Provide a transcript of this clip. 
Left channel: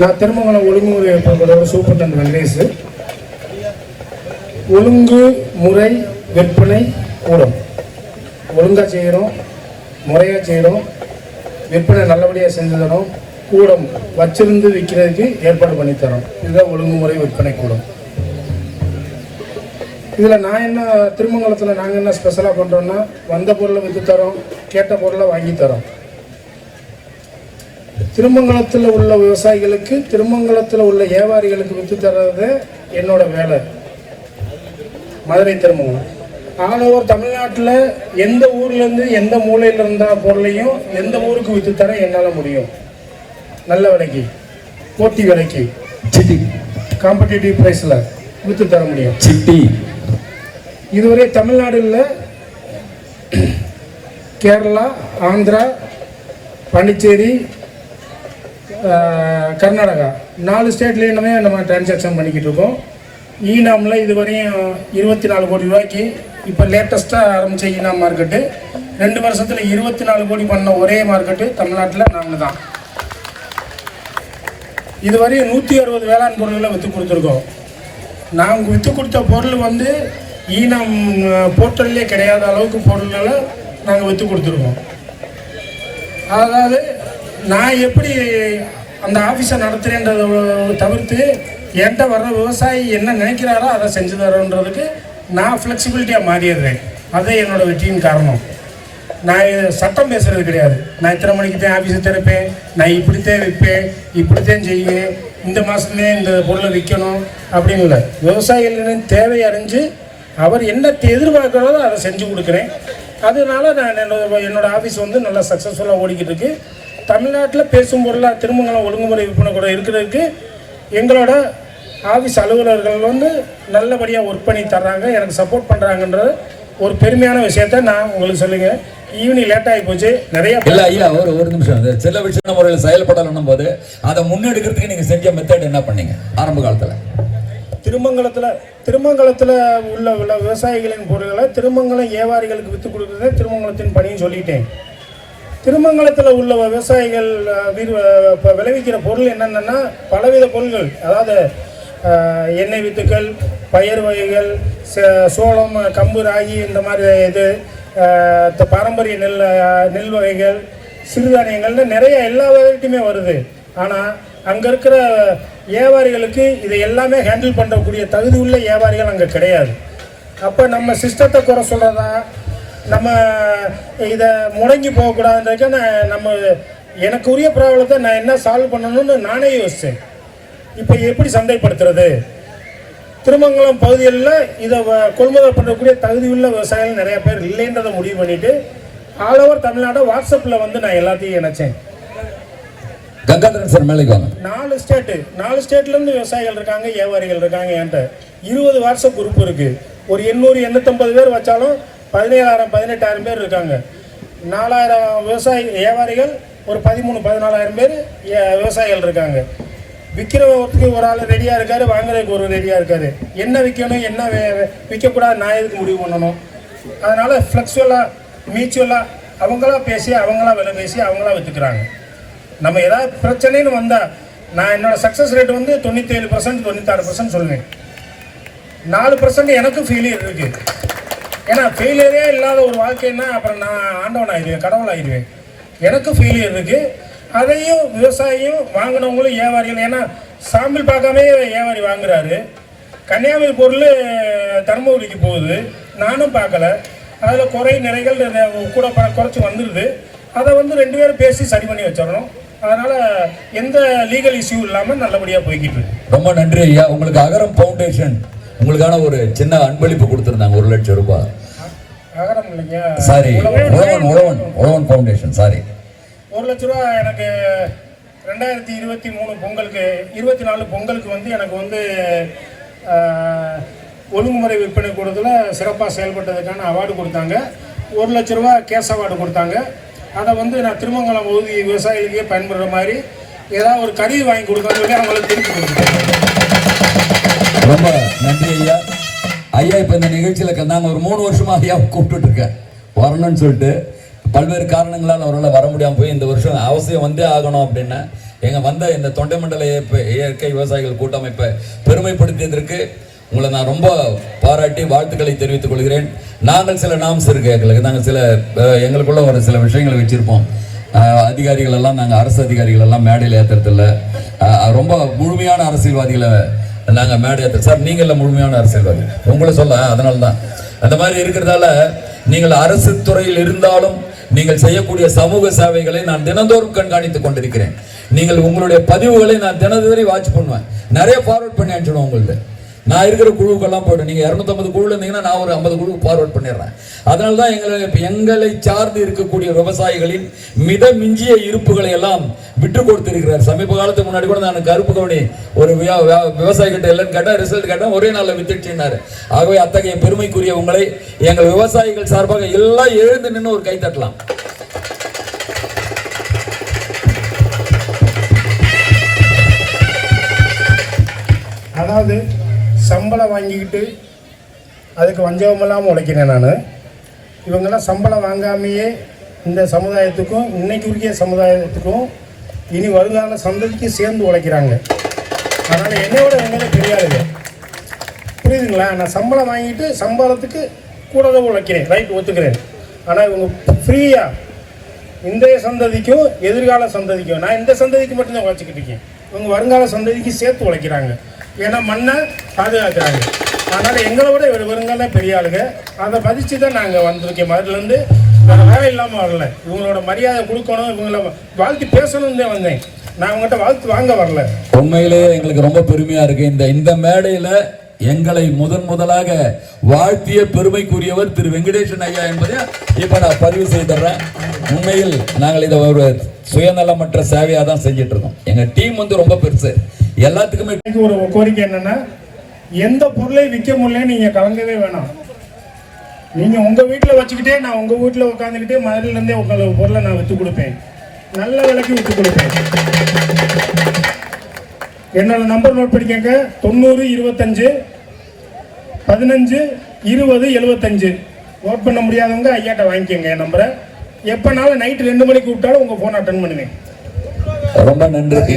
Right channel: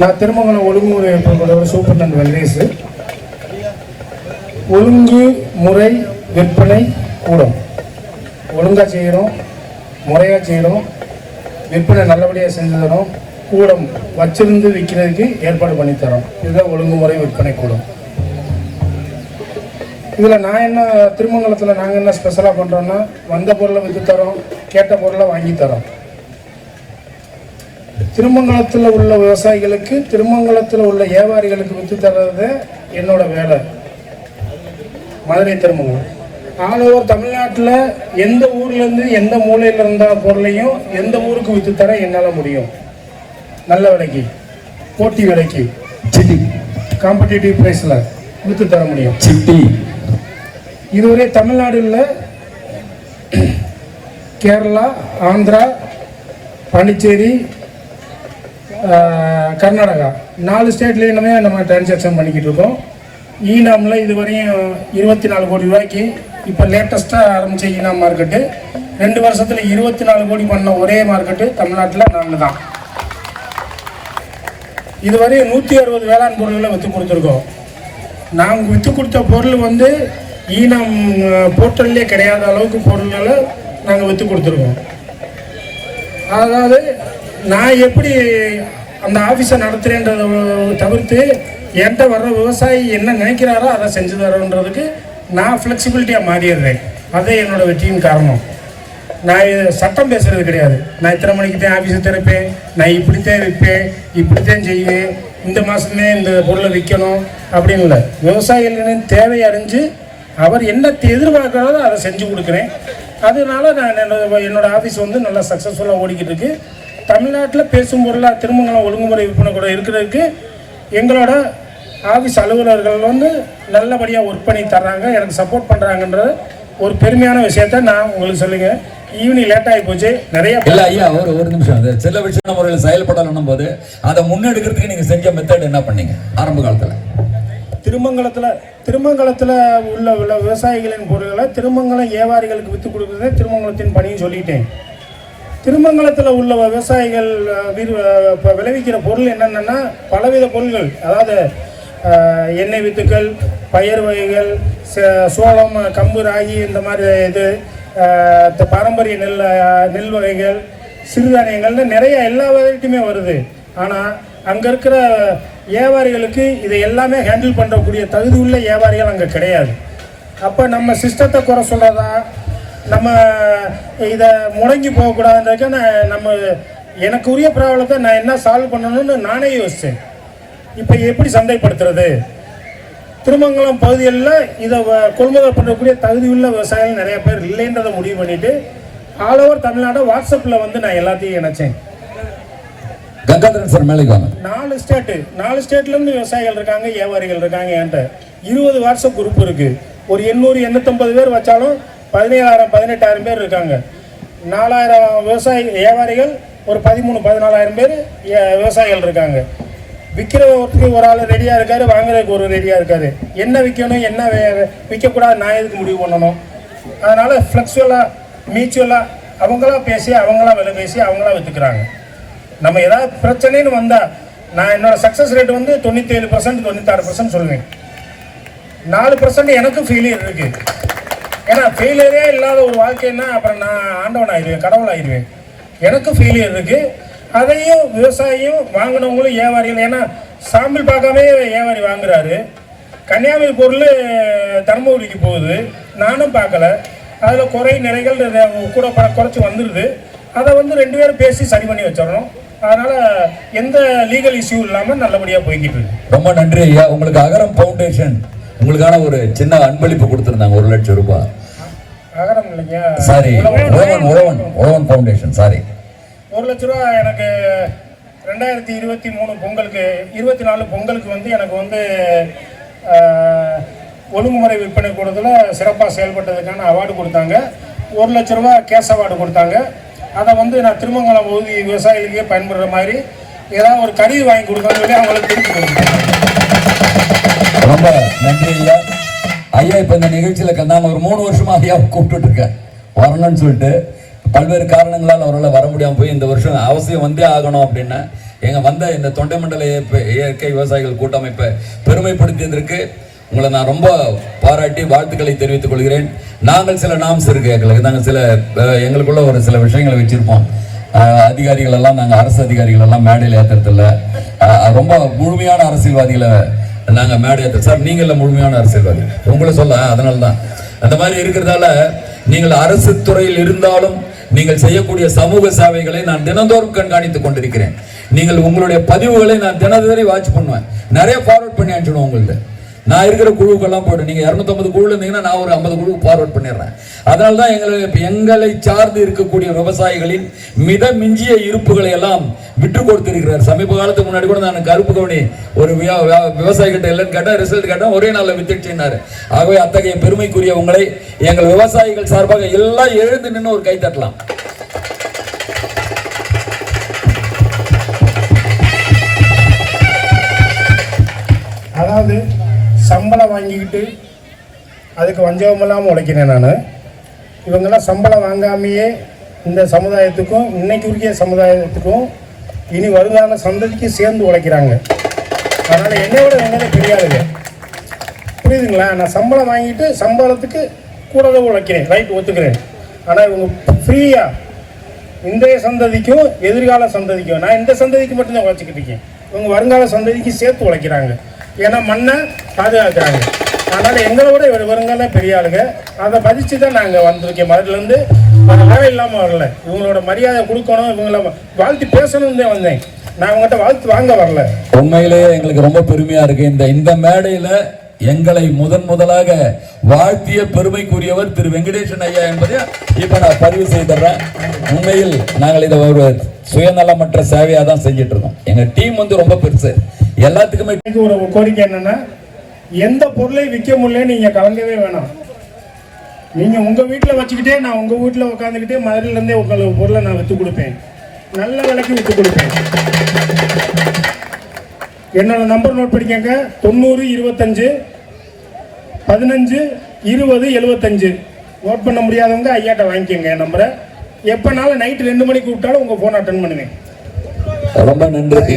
நான் திருமங்கலம் ஒழுங்குமுறை ஏற்படுத்த சூப்பர்டன் வெங்கடேஷ். ஒழுங்கு முறை விற்பனை கூடும். ஒழுங்காக செய்கிறோம், முறையாக செய்கிறோம், விற்பனை நல்லபடியாக செஞ்சு தரோம், கூடம் வச்சிருந்து விற்கிறதுக்கு ஏற்பாடு பண்ணித்தரோம். இதுதான் ஒழுங்குமுறை விற்பனை கூடும். இதில் நான் என்ன திருமங்கலத்தில் நாங்கள் என்ன ஸ்பெஷலாக பண்ணுறோன்னா, வந்த பொருளை விற்று தரோம், கேட்ட பொருளை வாங்கி தரோம். திருமங்கலத்தில் உள்ள விவசாயிகளுக்கு, திருமங்கலத்தில் உள்ள வியாபாரிகளுக்கு விற்று தர்றது என்னோட வேலை. மதுரை திருமங்கலம் ஆல் ஓவர் தமிழ்நாட்டில் எந்த ஊர்லேருந்து எந்த மூலையில் இருந்த பொருளையும் எந்த ஊருக்கு விற்று தர என்னால் முடியும். நல்ல விலைக்கு, போட்டி விலைக்கு, சிட்டி காம்படிட்டிவ் ப்ரைஸில் விற்று தர முடியும். சிட்டி இதுவரை தமிழ்நாடுல கேரளா, ஆந்திரா, பாண்டிச்சேரி, கர்நாடகா 4 ஸ்டேட்லேயுமே நம்ம டிரான்சாக்ஷன் பண்ணிக்கிட்டு இருக்கோம். ஈனாமில் இதுவரையும் 24 கோடி ரூபாய்க்கு இப்போ லேட்டஸ்ட்டாக ஆரம்பித்த ஈனாம் மார்க்கெட்டு 2 வருஷத்தில் 24 கோடி பண்ண ஒரே மார்க்கெட்டு தமிழ்நாட்டில் நாங்கள் தான். இதுவரை 160 வேளாண் பொருள்களை விற்று கொடுத்துருக்கோம். நாங்கள் விற்று கொடுத்த பொருள் வந்து ஈனம் போர்ட்டல்லே கிடையாத அளவுக்கு பொருள்களை நாங்கள் விற்று கொடுத்துருக்கோம். அதாவது நான் எப்படி அந்த ஆஃபீஸை நடத்துகிறேன்றத தவிர்த்து என்கிட்ட வர்ற விவசாயி என்ன நினைக்கிறாரோ அதை செஞ்சு தரோன்றதுக்கு நான் ஃப்ளெக்சிபிலிட்டியாக மாறிடுறேன். அதே என்னோட வெற்றியின் காரணம். நான் சட்டம் பேசுறது கிடையாது. நான் இத்தனை மணிக்கு தான் ஆஃபீஸை திறப்பேன், நான் இப்படித்தான் விற்பேன், இப்படித்தான் செய்வேன், இந்த மாதத்துலேயே இந்த பொருளை விற்கணும் அப்படின்னு இல்லை. விவசாயிகளின் தேவை அறிஞ்சு அவர் என்ன எதிர்பார்க்குறதோ அதை செஞ்சு கொடுக்குறேன். அதனால நான் என்னோட ஆஃபீஸ் வந்து நல்லா சக்ஸஸ்ஃபுல்லாக ஓடிக்கிட்டு இருக்கு. தமிழ்நாட்டில் பேசும் பொருளாக திருமங்கலம் ஒழுங்குமுறை விற்பனை கூட இருக்கிறதுக்கு எங்களோட ஆஃபீஸ் அலுவலர்கள் வந்து நல்லபடியாக ஒர்க் பண்ணி தர்றாங்க, எனக்கு சப்போர்ட் பண்ணுறாங்கன்றது ஒரு பெருமையான விஷயத்த நான் உங்களுக்கு சொல்லுங்க. ஈவினிங் லேட் ஆகி போச்சு நிறைய. இல்லை ஐயா, ஒரு நிமிஷம். அந்த சில விஷயம் முறையில் செயல்படணும் போது அதை முன்னெடுக்கிறதுக்கு நீங்கள் செஞ்ச மெத்தட் என்ன பண்ணீங்க ஆரம்ப காலத்தில்? திருமங்கலத்தில் உள்ள விவசாயிகளின் பொருட்களை திருமங்கலம் வியாபாரிகளுக்கு விற்று கொடுக்குறதே திருமங்கலத்தின் பணின்னு சொல்லிட்டேன். திருமங்கலத்தில் உள்ள விவசாயிகள் இப்போ விளைவிக்கிற பொருள் என்னென்னா பலவித பொருள்கள், அதாவது எண்ணெய் வித்துக்கள், பயிர் வகைகள், சோளம், கம்பு, ராகி, இந்த மாதிரி இது பாரம்பரிய நெல் வகைகள், சிறுதானியங்கள்னு நிறைய எல்லா வகைக்குமே வருது. ஆனால் அங்கே இருக்கிற வியாபாரிகளுக்கு இதை எல்லாமே ஹேண்டில் பண்ணுறக்கூடிய தகுதி உள்ள வியாபாரிகள் அங்கே கிடையாது. அப்போ நம்ம சிஸ்டத்தை குறை சொல்கிறதா, நம்ம இதை முடங்கி போகக்கூடாதுன்றதுக்கு நம்ம எனக்கு உரிய ப்ராப்ளத்தை நான் என்ன சால்வ் பண்ணணும்னு நானே யோசித்தேன். இப்போ எப்படி சந்தைப்படுத்துறது? திருமங்கலம் பகுதிகளில் இதை கொள்முதல் பண்ணக்கூடிய தகுதி உள்ள விவசாயிகள் நிறைய பேர் இல்லைன்றதை முடிவு பண்ணிட்டு ஆல் ஓவர் தமிழ்நாடு வாட்ஸ்அப்பில் வந்து நான் எல்லாத்தையும் இணைச்சேன். கங்காதரன் சார் மேலே 4 ஸ்டேட்லேருந்து விவசாயிகள் இருக்காங்க, வியாபாரிகள் இருக்காங்க. என்கிட்ட 20 வாட்ஸ்அப் குரூப் இருக்கு. ஒரு 800-850 பேர் வச்சாலும் 17,000-18,000 பேர் இருக்காங்க. 4,000 விவசாயி வியாபாரிகள், ஒரு 13,000-14,000 பேர் விவசாயிகள் இருக்காங்க. விற்கிறவருக்கு ஒரு ஆள் ரெடியாக இருக்காரு, வாங்குறதுக்கு ஒரு ரெடியாக இருக்காரு. என்ன விற்கணும், என்ன விற்கக்கூடாது, நான் எதுக்கு முடிவு பண்ணணும்? அதனால ஃப்ளெக்சுவலாக மியூச்சுவலாக அவங்களா பேசி, அவங்களா விலை பேசி, அவங்களா விற்றுக்கிறாங்க. நம்ம ஏதாவது பிரச்சனைன்னு வந்தால் நான் என்னோட சக்ஸஸ் ரேட் வந்து 97%, 96% சொல்லுவேன். 4% எனக்கும் ஃபெயிலியர் இருக்கு. ஏன்னா ஃபெயிலியரே இல்லாத ஒரு வாழ்க்கைன்னா அப்புறம் நான் ஆண்டவன் ஆகிடுவேன், கடவுள் ஆகிடுவேன். எனக்கும் ஃபெயிலியர் இருக்கு. அதையும் விவசாயியும் வாங்கினவங்களும் வியாபாரிகள், ஏன்னா சாம்பிள் பார்க்காம வியாபாரி வாங்குறாரு. கன்னியாகுமரி பொருள் தர்மபுரிக்கு போகுது, நானும் பார்க்கல. அதில் குறை நிறைகள் கூட குறைச்சி வந்துடுது. அதை வந்து 2 பேரும் பேசி சரி பண்ணி வச்சிடணும். அதனால எந்த லீகல் இஷ்யூ இல்லாமல் நல்லபடியாக போய்கிட்டு இருக்கு. ரொம்ப நன்றி ஐயா. உங்களுக்கு அகரம் ஃபவுண்டேஷன் உங்களுக்கான ஒரு சின்ன அன்பளிப்பு கொடுத்துருந்தாங்க, 1 லட்சம் ரூபாய். அகரம் இல்லைங்க, சாரி, உழவன் ஃபவுண்டேஷன். சாரி, 1 லட்ச ரூபா எனக்கு 2023 பொங்கலுக்கு 24 பொங்கலுக்கு வந்து எனக்கு வந்து ஒழுங்குமுறை விற்பனை கூடத்துல சிறப்பாக செயல்பட்டதுக்கான அவார்டு கொடுத்தாங்க. 1 லட்ச ரூபா கேஷ் அவார்டு கொடுத்தாங்க. அதை வந்து நான் திருமங்கலம் பகுதி விவசாயிகளுக்கே பயன்படுற மாதிரி ஏதாவது ஒரு கருவி வாங்கி கொடுக்கணும்னு சொல்லி அவங்களுக்கு தெரிஞ்சு கொடுத்தேன். ரொம்ப நன்றி ஐயா. ஐயா இப்போ இந்த நிகழ்ச்சியில் நான் ஒரு 3 வருஷமா ஐயா கூப்பிட்டு இருக்கேன் வரணும்னு சொல்லிட்டு. பல்வேறு காரணங்களால் அவரால் வர முடியாமல் போய் இந்த வருஷம் அவசியம் வந்தே ஆகணும் அப்படின்னு எங்க வந்த இந்த தொண்டை மண்டல இயற்கை விவசாயிகள் கூட்டமைப்பை பெருமைப்படுத்தியதற்கு உங்களை நான் ரொம்ப பாராட்டி வாழ்த்துக்களை தெரிவித்துக் கொள்கிறேன். நாங்கள் சில நாம்ஸ் இருக்கு எங்களுக்கு, நாங்கள் சில எங்களுக்குள்ள ஒரு சில விஷயங்களை வச்சிருப்போம். அதிகாரிகள் எல்லாம் நாங்கள் அரசு அதிகாரிகள் எல்லாம் மேடையில் ஏற்றுறது இல்லை. ரொம்ப முழுமையான அரசியல்வாதிகளை நாங்கள் மேடை ஏற்ற சார், நீங்கள முழுமையான அரசியல்வாதி உங்களை சொல்ல, அதனால தான் அந்த மாதிரி இருக்கிறதால நீங்கள் அரசு துறையில் இருந்தாலும் நீங்கள் செய்யக்கூடிய சமூக சேவைகளை நான் தினந்தோறும் கண்காணித்துக் கொண்டிருக்கிறேன். நீங்கள் உங்களுடைய பதிவுகளை நான் தினந்தோறும் வாட்ச் பண்ணுவேன். நிறைய ஃபார்வர்ட் பண்ணி அனுப்பிச்சிடுவோம் உங்கள்ட்ட. நான் இருக்கிற குழுக்கெல்லாம் போட்டு நீங்க 250 குழு இருந்தீங்கன்னா நான் ஒரு 50 குழு ஃபார்வர்ட் பண்ணிடுறேன். அதனால்தான் எங்களை சார்ந்து இருக்கக்கூடிய விவசாயிகளின் மித மிஞ்சிய இருப்புகளை எல்லாம் விட்டு கொடுத்திருக்கிறார். சமீப காலத்துக்கு முன்னாடி கூட நான் கருப்பு கவுனி ஒரு விவசாயி கிட்ட இல்லைன்னு கேட்டா, ரிசல்ட் கேட்டா ஒரே நாள்ல வித்துடுச்சுன்னாரு. ஆகவே அத்தகைய பெருமைக்குரிய உங்களை எங்கள் விவசாயிகள் சார்பாக எல்லாம் எழுந்து நின்று ஒரு கை தட்டலாம். அதாவது சம்பளம் வாங்கிக்கிட்டு அதுக்கு வஞ்சகமெல்லாம் உழைக்கிறேன் நான். இவங்கெல்லாம் சம்பளம் வாங்காமையே இந்த சமுதாயத்துக்கும் இன்னைக்கு இருக்க சமுதாயத்துக்கும் இனி வருங்கால சந்ததிக்கு சேர்ந்து உழைக்கிறாங்க. அதனால் என்னோட தெரியாதுங்க, புரியுதுங்களா? நான் சம்பளம் வாங்கிட்டு சம்பளத்துக்கு கூடவே உழைக்கிறேன், ரைட் ஒத்துக்கிறேன். ஆனால் இவங்க ஃப்ரீயாக இன்றைய சந்ததிக்கும் எதிர்கால சந்ததிக்கும், நான் இந்த சந்ததிக்கு மட்டும்தான் உழைச்சிக்கிட்டு இருக்கேன், இவங்க வருங்கால சந்ததிக்கு சேர்த்து உழைக்கிறாங்க. ஏன்னா மண்ணை பாதுகாக்கிறாங்க. அதனால் எங்களோட வருங்கால பெரிய ஆளுங்க, அதை பதிச்சு தான் நாங்கள் வந்திருக்கேன். மதுலேருந்து ஆழம் இல்லாமல் வரல. இவங்களோட மரியாதை கொடுக்கணும், இவங்கள வாழ்த்து பேசணும்னு தான் வந்தேன். நான் அவங்ககிட்ட வாழ்த்து வாங்க வரல. உண்மையிலேயே எங்களுக்கு ரொம்ப பெருமையா இருக்கு. இந்த மேடையில எங்களை முதலாக வாழ்த்திய பெருமைக்குரியவர் திரு வெங்கடேசன் ஐயா என்பதை இப்ப நான் பதிவு செய்துறேன். உண்மையில் நாங்கள் இதை ஒரு சுயநலமற்ற சேவையா தான் செஞ்சிட்டு இருக்கோம். எங்க டீம் ரொம்ப பெருசு. எல்லாத்துக்குமே ஒரு கோரிக்கை என்னன்னா, எந்த பொருளை விற்க முடியல நீங்க கலங்கவே வேணாம். நீங்க உங்க வீட்டுல வச்சுக்கிட்டே நான் உங்க வீட்டுல உட்காந்துக்கிட்டே மதுரையில இருந்தே உங்களுக்கு பொருளை நான் வித்து கொடுப்பேன், நல்ல விலைக்கு வித்து கொடுப்பேன். என்னோட நம்பர் நோட் பண்ணிக்கங்க, 90 25 15 20 75. நோட் பண்ண முடியாதவங்க ஐயாட்ட வாங்கிக்கோங்க என் நம்பரை. எப்பனாலும் நைட் 2 மணிக்கு கூப்பிட்டாலும் உங்க போன் அட்டன் பண்ணுவேன். ரொம்ப நன்றி.